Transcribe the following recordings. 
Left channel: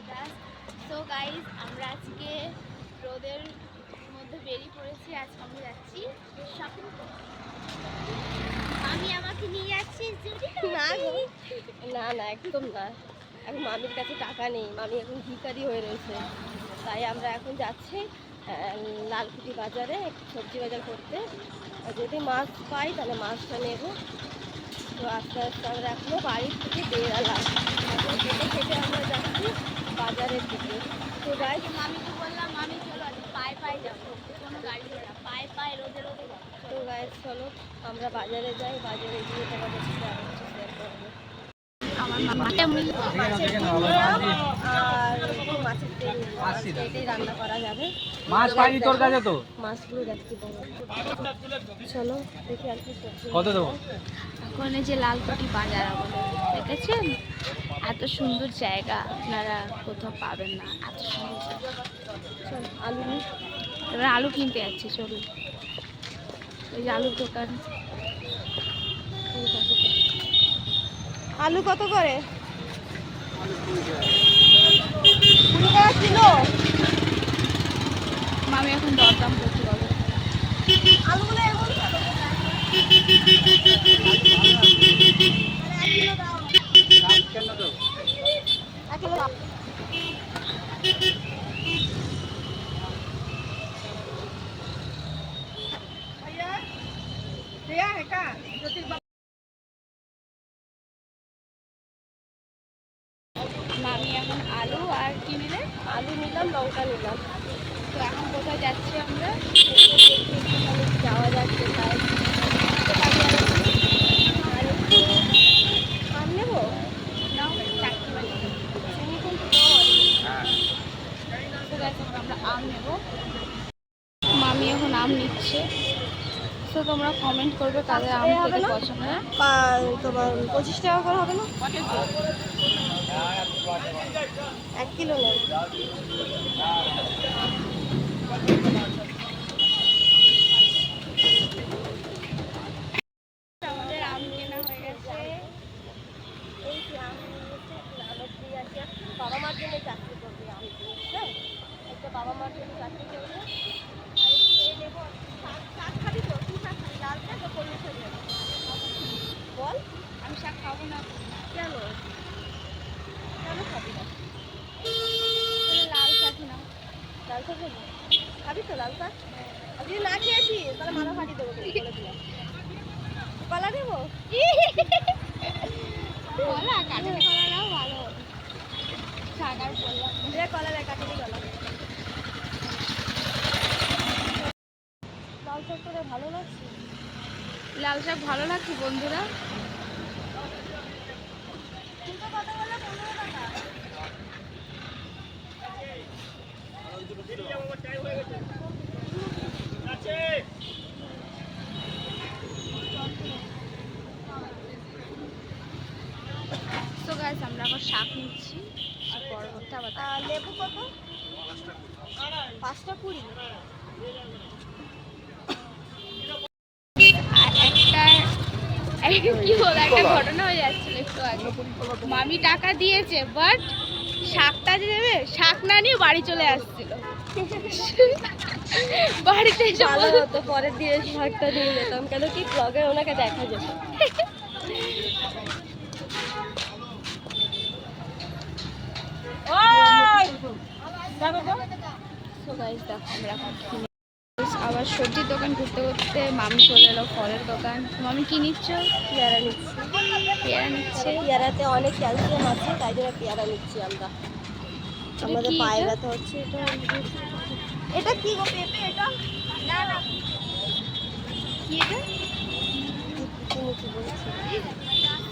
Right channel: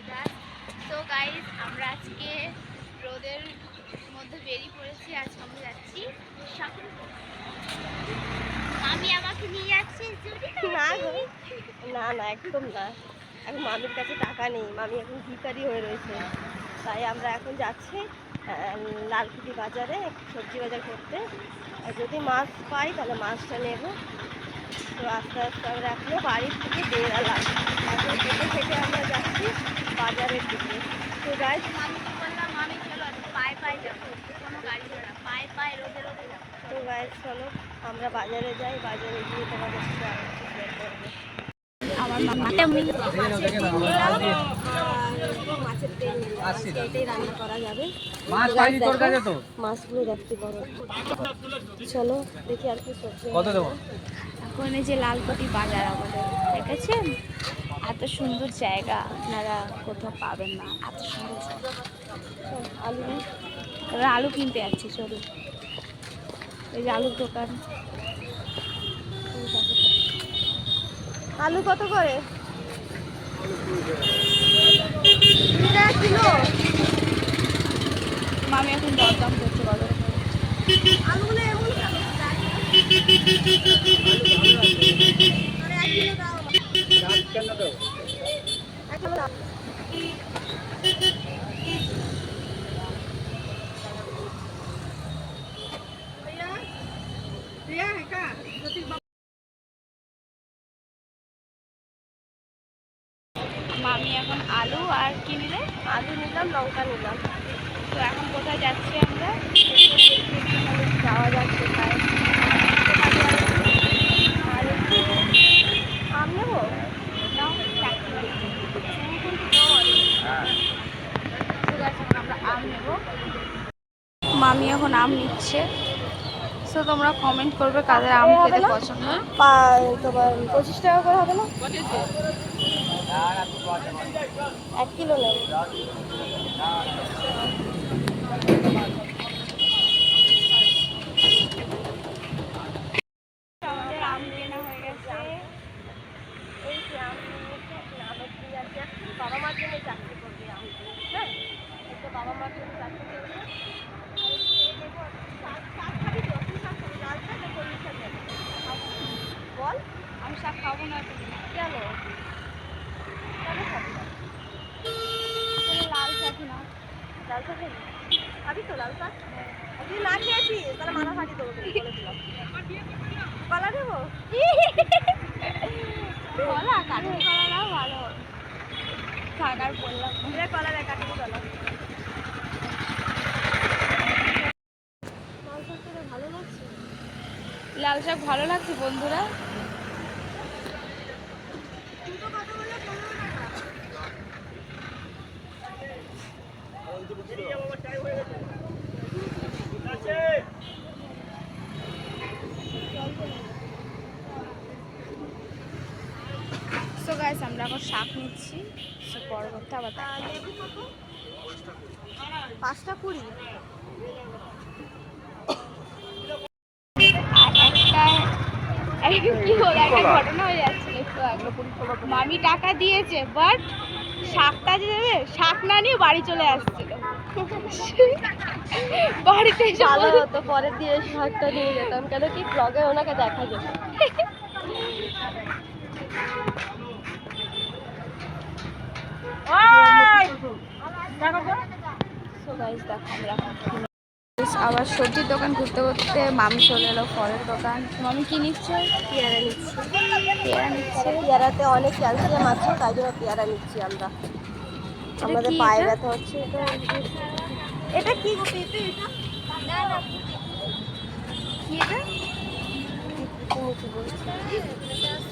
August. তো guys আমরা আজকে রোদের মধ্যে বেরিয়ে পড়েছি। আজকে আমরা যাচ্ছি শপিং করতে। আমি আমাকে নিয়ে যাচ্ছি না গো, না না একদম না। এখন মামির কাছে টাকা নেই, মামি এখন ভিখারি হয়ে রয়েছে। তাই আমরা এখন যাচ্ছি লালকুটি বাজারে সবজি বাজার করতে। আর যদি মাছ পাই তাহলে মাছটা নেব। তো আস্তে আস্তে আমরা এখনো বাড়ির থেকে বেরালাম, এখন হেঁটে হেঁটে আমরা যাচ্ছি বাজারের দিকে। তো গাইজ মামিকে বললাম, মামি চলো আজকে পায়ে পায়ে যাবো, কোনো গাড়ি ঘোড়া পায়ে পায়ে রোদে রোদে যাবো। তো গাইজ চলো আমরা বাজারে যাই, বাজারে গিয়ে তোমাদের সাথে আরো কিছু শেয়ার করবো। আমার মামাকে আমি মাছের ডিম নিলাম আর মাছের তেল নিলাম, আজকে এটাই রান্না করা যাবে। মাছগুলো দেখতে পারো। চলো দেখি আর কি সবজি কত দেবো? এখন এই যে লালকুটি বাজার আমাদের, দেখেছেন? এত সুন্দর জায়গা আপনারা কোথাও পাবেন না, এত সুন্দর জায়গা। চল আলু নিই। এবার আলু কিনতে যাচ্ছি, চলুন। এই যে আলুর দোকান। আলু কত করে? 20 টাকা কিলো। মামি এখন দরদাম করছে বাজারে। আলুগুলো এরকম মানে 1 কিলো দাও। 1 কিলো দাও। মামি এখন আলু আর কি নিলে? আলু নিলাম, লঙ্কা নিলাম। তো এখন কোথায় যাচ্ছি আমরা? যাওয়া যাক কোথায়। আর একটু আম নেবো। নাও চাকরি বাড়ি। চিনি কিন্তু কম আছে। তো গাছ এখন আমরা আম নেব। মামি এখন আম নিচ্ছে। তো তোমরা কমেন্ট করবে কাদের আম খেতে পছন্দ হয়। তোমার 25 টাকা করে হবে না? 1 কিলো নেই। আমাদের আম কেনা হয়ে গেছে। এই যে আম নিয়েছে, আমের ট্রি আছে। বাবা মার জন্য চাকরি করবে আম দিয়ে, হ্যাঁ একটা বাবা মার জন্য চাকরি করবে। আর একটু নেবো শাক। শাক খাবি তো? কি শাক খাবি? লাল শাক না কলমি শাক নেবো? বল। আমি শাক খাবো না। কেন? কেন খাবি না? তাহলে লাল শাকই নাও। লাল শাক নেবো? খাবি তো লাল শাক? আর যদি না খেয়েছিস তাহলে মাথা ফাটিয়ে দেবো, তোকে বলে দিলাম। কলা দেবো? কলা, কাঠের কলা নাও, ভালো হবে। শাক আর বললাম না। এবার কলা দেয়, কাটিয়ে কলা। লাল শাক তোদের ভালো লাগছে? লাল শাক ভালো লাগছে বন্ধুরা। দুটো কথা বললে 15 টাকা। সো গাইস আমরা আবার শাক নিচ্ছি। পরবর্তী আবার লেবু কত? 5টা 20। একটা ঘটনা হয়ে যাচ্ছিল একটু আগে। মামি টাকা দিয়েছে, বাট শাকটা যে দেবে, শাক না নিয়ে বাড়ি চলে আসছিল। বাড়িতে এসে ভালো হতো, পরের দিয়ে শাকটা নিয়ে যেতাম, কেন কি ব্লগে ওনাকে দেখা যেত। সো গাইস দেখো আমরা আবার সবজির দোকান ঘুরতে ঘুরতে মামি চলে এলো ফলের দোকান। মামি কি নিচ্ছ? পেয়ারা নিচ্ছি। পেয়ারা নিচ্ছে। পেয়ারাতে অনেক ক্যালসিয়াম আছে, তাই জন্য পেয়ারা নিচ্ছি আমরা। আমাদের পায়ে ব্যথা হচ্ছে। এটা কি গো? পেঁপে? এটা কি এটা? তুমি কি বলছো?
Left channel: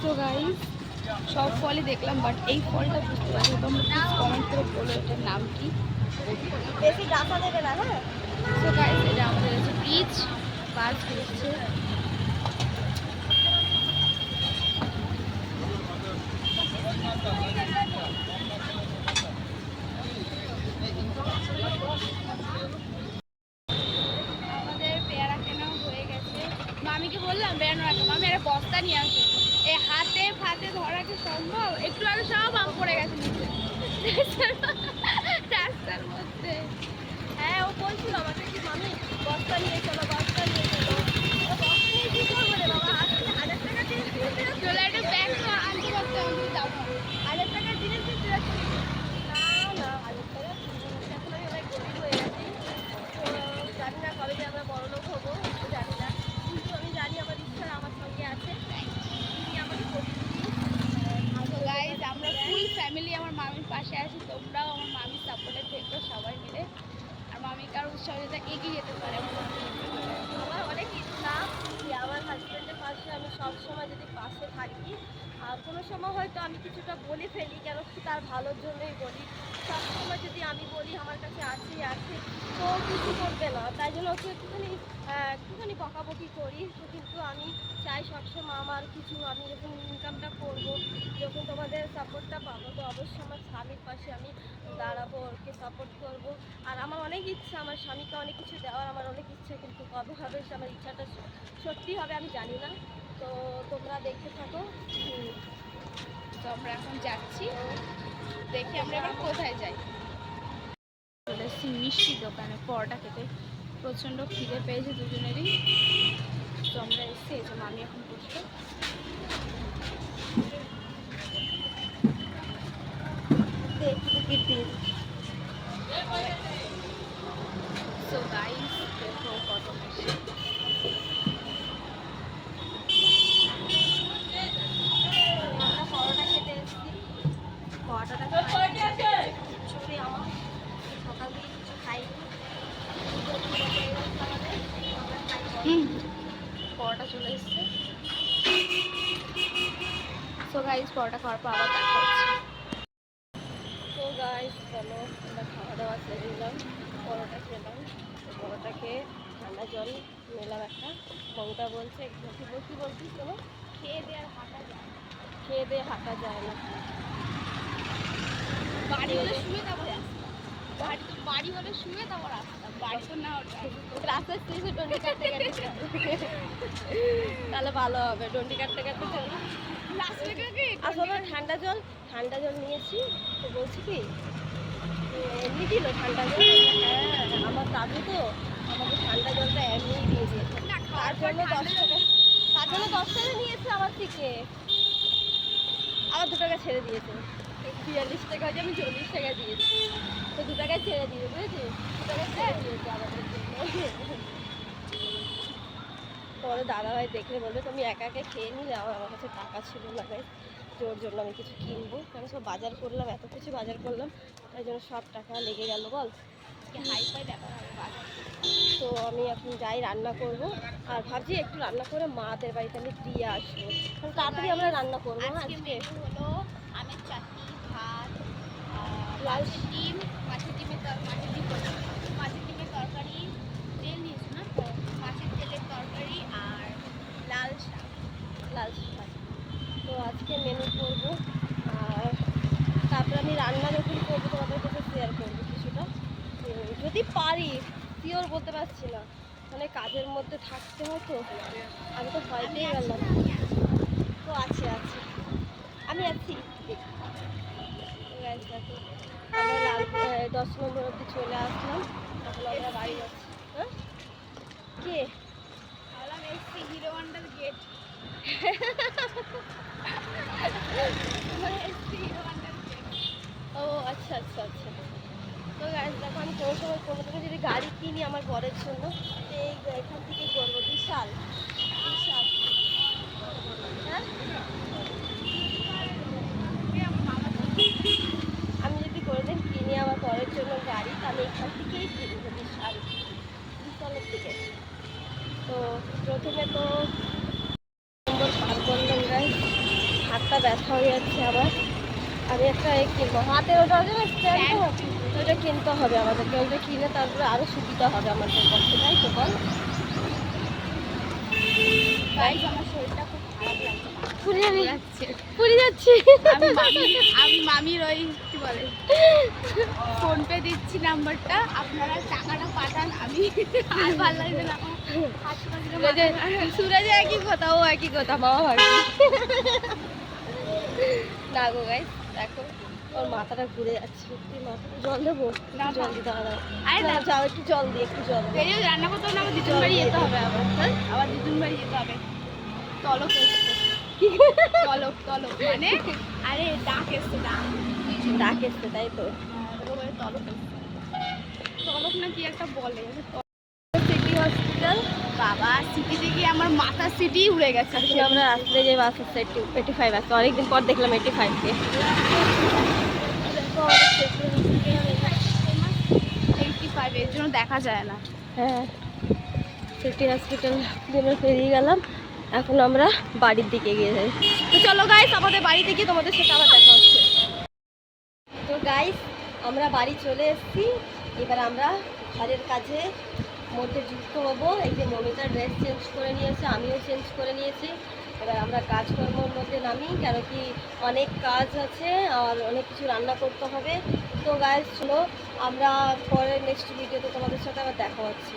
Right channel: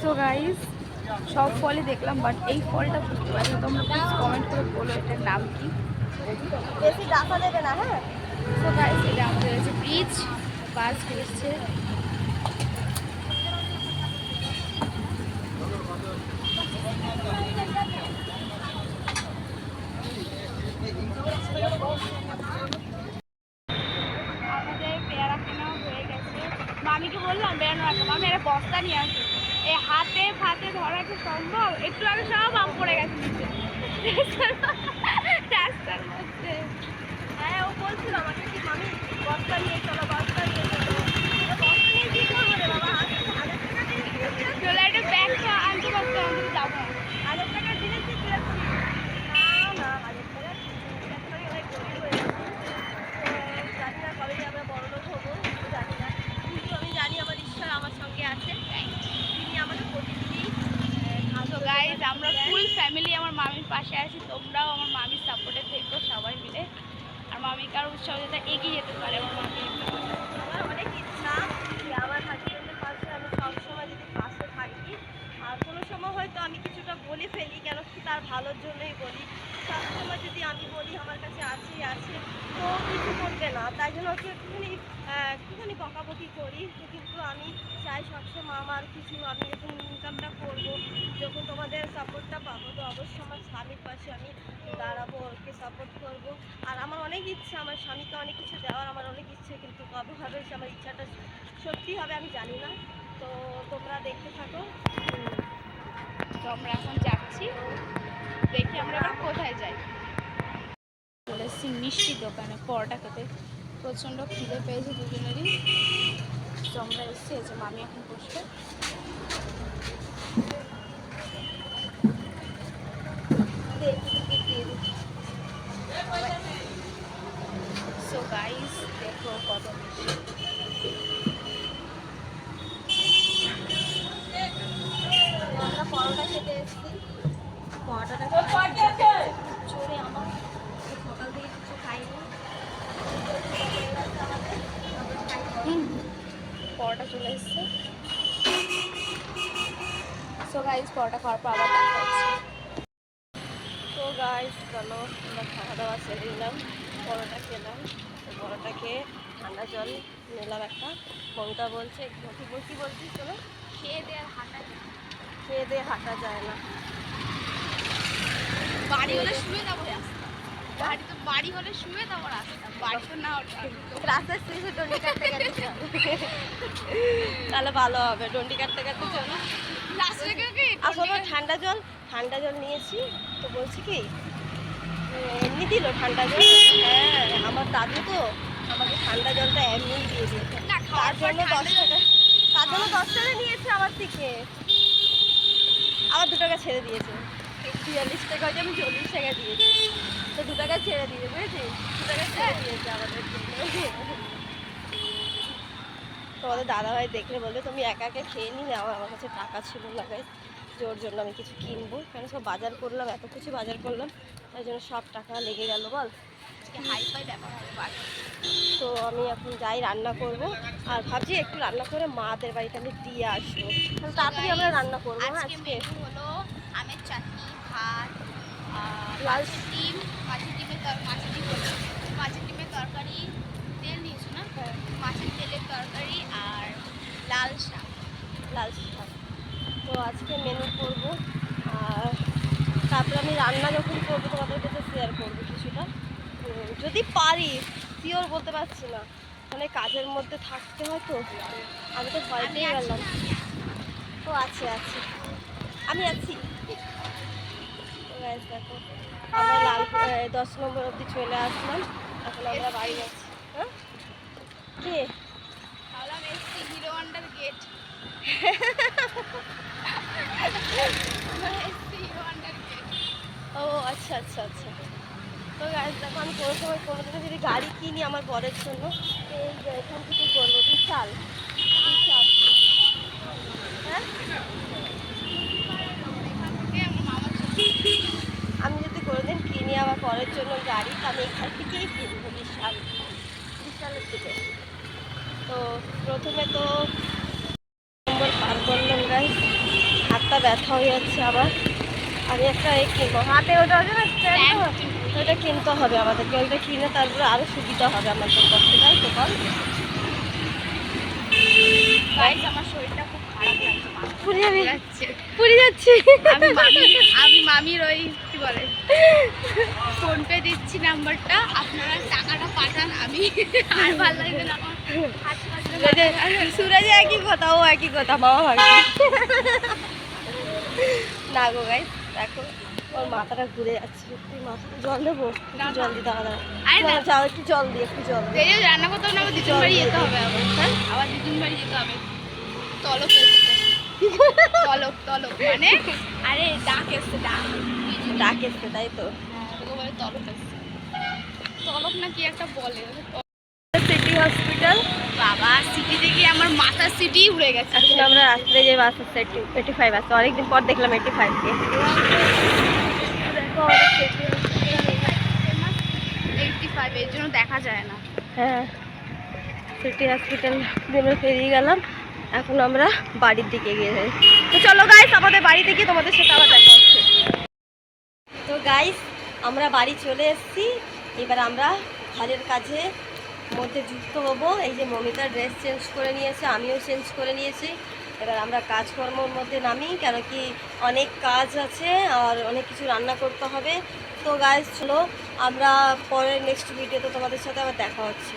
সো গাইস সব ফলই দেখলাম, বাট এই ফলটা বুঝতে পারছি না। তোমরা প্লিজ কমেন্ট করে বলো এটার নাম কি। বেশি ডাটা দেবে না, হ্যাঁ? সো গাইস এটা আমাদের আছে ব্রিজ, বাস ঘুরছে। আমাদের পেয়ারা কেনাও হয়ে গেছে। মামিকে বললাম বেড়ানো রাখো, মামি একটা বস্তা নিয়ে আসো। এই হাতে ফাতে ধরা কি সম্ভব? একটু আগে সব আম পড়ে গেছে নিচে। রাস্তার মধ্যে। হ্যাঁ ও বলছিল আমাকে কি মামি বস্তা নিয়ে চলো বস্তা নিয়ে চলো। বস্তা নিয়ে কি করবো রে বাবা, 1000 টাকা জিনিস কিনতে যাচ্ছি। চলে একটা ব্যাগ তো আনতে পারতো, আমি যাবো না। 1000 টাকার জিনিস কিনতে যাচ্ছি। না 1000 টাকা এখন আমি অনেক গরিব হয়ে গেছি। তো জানি না কবে যে আমরা বড়লোক হবো জানি না, কিন্তু আমি জানি আমার ঈশ্বর আমার সঙ্গে আছে, তিনি আমাকে প্রতিদিনই তো গাইজ আমরা ফুল ফ্যামিলি আমার মামির পাশে আছি, তোমরাও আমার মামির সাপোর্টে থেকো সবাই মিলে, আর মামিকে আরও উৎসাহ যাতে এগিয়ে যেতে পারে আমার মামি। আমার অনেক ইচ্ছা যে আমার হাজবেন্ডের পাশে আমি সবসময় যদি পাশে থাকি, আর কোনো সময় হয়তো আমি কিছুটা বলে ফেলি, কেন কি তার ভালোর জন্যই বলি। সবসময় যদি আমি বলি আমার কাছে আছে আছে তো কিছু করবে না, তাই জন্য হচ্ছে একটুখানি বকাবকি করি। তো কিন্তু আমি চাই সবসময় আমার কিছু আমি যখন ইনকামটা করবো, যখন তোমাদের সাপোর্টটা পাবো, তো অবশ্যই আমার স্বামীর পাশে আমি দাঁড়াবো, ওকে সাপোর্ট করবো। আর আমার অনেক ইচ্ছা আমার স্বামীকে অনেক কিছু দেওয়ার, আমার অনেক ইচ্ছে, কিন্তু কবে হবে সে আমার ইচ্ছাটা সত্যি হবে আমি জানি না। তো তোমরা দেখতে থাকো। তো আমরা এখন যাচ্ছি, দেখি আমরা এবার কোথায় যাই। চলে এসেছি মিষ্টির দোকানে পরোটা খেতে, প্রচণ্ড খিদে পেয়েছে দুজনেরই। তো আমরা এসেছি, এই যে মামি এখন বসবে। সো গাইস দেখো কত মিষ্টি। আমরা পরোটা খেতে এসেছি, পরোটাটা চলে আমার সকাল থেকে কিছু খাইনি। পরোটা চলে এসছে। সো গাইস পরোটা খাওয়ার পর আবার দেখা হচ্ছে। তো গাইস চলো আমরা খাওয়া দাওয়া সেরে নিলাম, পরোটা খেলাম। তো পরোটা খেয়ে ঠান্ডা জল নিলাম একটা। মমতা বলছে কি বলছিস শোনো, খেয়ে দিয়ে আর হাঁটা যায়, খেয়ে দিয়ে হাঁটা যায় না। বাড়ি হলে শুয়ে যাবো রাস্তা, বাড়ি হলে শুয়ে যাবো রাস্তা, বাড়ি তো না রাস্তার শেষে ডন্ডি কাটতে কাটতে চলো, তাহলে ভালো হবে। ডন্ডি কাটতে কাটতে চলো। আসলে ঠান্ডা জল নিয়েছি, তো বলছি কি এমনি দিল ঠান্ডা জল। হ্যাঁ আমার দাদু তো আমাকে ঠান্ডা জলটা এমনি দিয়ে দিয়েছে, তার জন্য 10 টাকা নিয়েছে আমার থেকে, আবার 2 টাকা ছেড়ে দিয়েছে। 43 টাকা হয়েছে, আমি 40 টাকা দিয়েছি, তো 2 টাকা ছেড়ে দিয়েছে, বুঝেছিস? 2 টাকা ছেড়ে দিয়েছে আমাদের জন্য। তোমাদের দাদাভাই দেখলে বলবে তুমি একা একা খেয়ে নিলে, আমার কাছে টাকা ছিল না গাইস, ওর জন্য আমি কিছু কিনবো, কেন সব বাজার করলাম, এত কিছু বাজার করলাম, তাই জন্য সব টাকা লেগে গেল বল। হাইফাই ব্যাপার হবে বাজার। তো আমি এখন যাই রান্না করব, আর ভাবছি একটু রান্না করে মাদের বাড়িতে আমি দিয়ে আসবো, কারণ তাড়াতাড়ি আমরা রান্না করবো। হ্যাঁ আজকে মেনু হলো আমের চাটনি, ভাত, লাল মাছের ডিম, মাছের ডিমের তরকারি, তেল নিয়েছো না? মাছের তেলের তরকারি আর লাল শাক। শাক। তো আজকে মেনু করব, আর তারপরে আমি রান্না যখন করবো তোমাদের কাছে শেয়ার করবো কিছুটা, যদি পারি, শিওর বলতে পারছি না, মানে কাজের মধ্যে থাকতে হয় তো, আমি তো ভয় পেয়ে গেলাম। তো আছে আমি আছি। দেখো আমরা 10 নম্বর অবধি চলে আসলাম, এখন আমরা বাড়ি যাচ্ছি। হ্যাঁ কে ভাবলাম এসছি হিরো হন্ডার গেট। ও আচ্ছা। তো গাইস দেখো আমি কোনো সময় কোনো দিনও যদি গাড়ি কিনি আমার বরের জন্য, এই এখান থেকেই করবো। বিশাল হ্যাঁ, আমি যদি কোনোদিন কিনি আমার বরের জন্য গাড়ি, তো আমি এখান থেকেই কিনবো, বিশালের থেকে। তো প্রথমে তো নম্বর পার করলাম গাইস, হাতটা ব্যথা হয়ে যাচ্ছে আমার। আমি একটা কিনবো, হাতে ওটা আছে না স্ট্যান্ড, ওটা কিনতে হবে আমাদেরকে, ওইটা কিনে তারপরে আরও সুবিধা হবে আমাদের পক্ষে, তাই তো বল। গাইস আমার শরীরটা খুব খারাপ লাগছে, পুরি যাচ্ছি। আমি মামির ওই কি বলে ফোনপে দিচ্ছি নাম্বারটা, আপনারা টাকাটা পাঠান। আমি আর ভালো লাগবে না, সুরাজে একই কথা, ও একই কথা, মামা ভাবি না গো গাইস। দেখো ওর মাথাটা ঘুরে যাচ্ছে, একটু মাথাটা জল দেবো, না, একটু জল দিই, দাঁড়া আরে না, যাও একটু জল দিই, একটু জল দিই। এই যে রান্না করতে হবে না, আবার দিদুন বাড়ি যেতে হবে আবার। হ্যাঁ, আবার দিদুন বাড়ি যেতে হবে। তলক এসছে, তলক তলক মানে আরে ডাক এসছে, ডাক। ডাক এসছে তাই তো। ওকে বলে তলক এসছে, তলক না কি একটা বলে। City hospital. বাবা সিটি থেকে আমার মাথার সিটি উড়ে গেছে। এখন আমরা রাস্তায় যে বাস আছে 85 আছে, অনেকদিন পর দেখলাম 85-কে। দেখো আমাদের সিটি হসপিটাল। 85 এর জন্য দেখা যায় না। হ্যাঁ, সিটি হসপিটাল দিয়ে আমরা পেরিয়ে গেলাম। এখন আমরা বাড়ির দিকে গিয়ে যাই। তো চলো গাইস, আমাদের বাড়ি থেকে তোমাদের সাথে আবার দেখা হচ্ছে। তো গাইস, আমরা বাড়ি চলে এসেছি। এবার আমরা ঘরের কাজে মধ্যে যুক্ত হব। এই যে মমিতা ড্রেস চেঞ্জ করে নিয়েছে, আমিও চেঞ্জ করে নিয়েছি। এবার আমরা কাজকর্মর মধ্যে নামি, কেন কি অনেক কাজ আছে আর অনেক কিছু রান্না করতে হবে। তো গাইস চলো, আমরা পরের নেক্সট ভিডিওতে তোমাদের সাথে আবার দেখা হচ্ছে।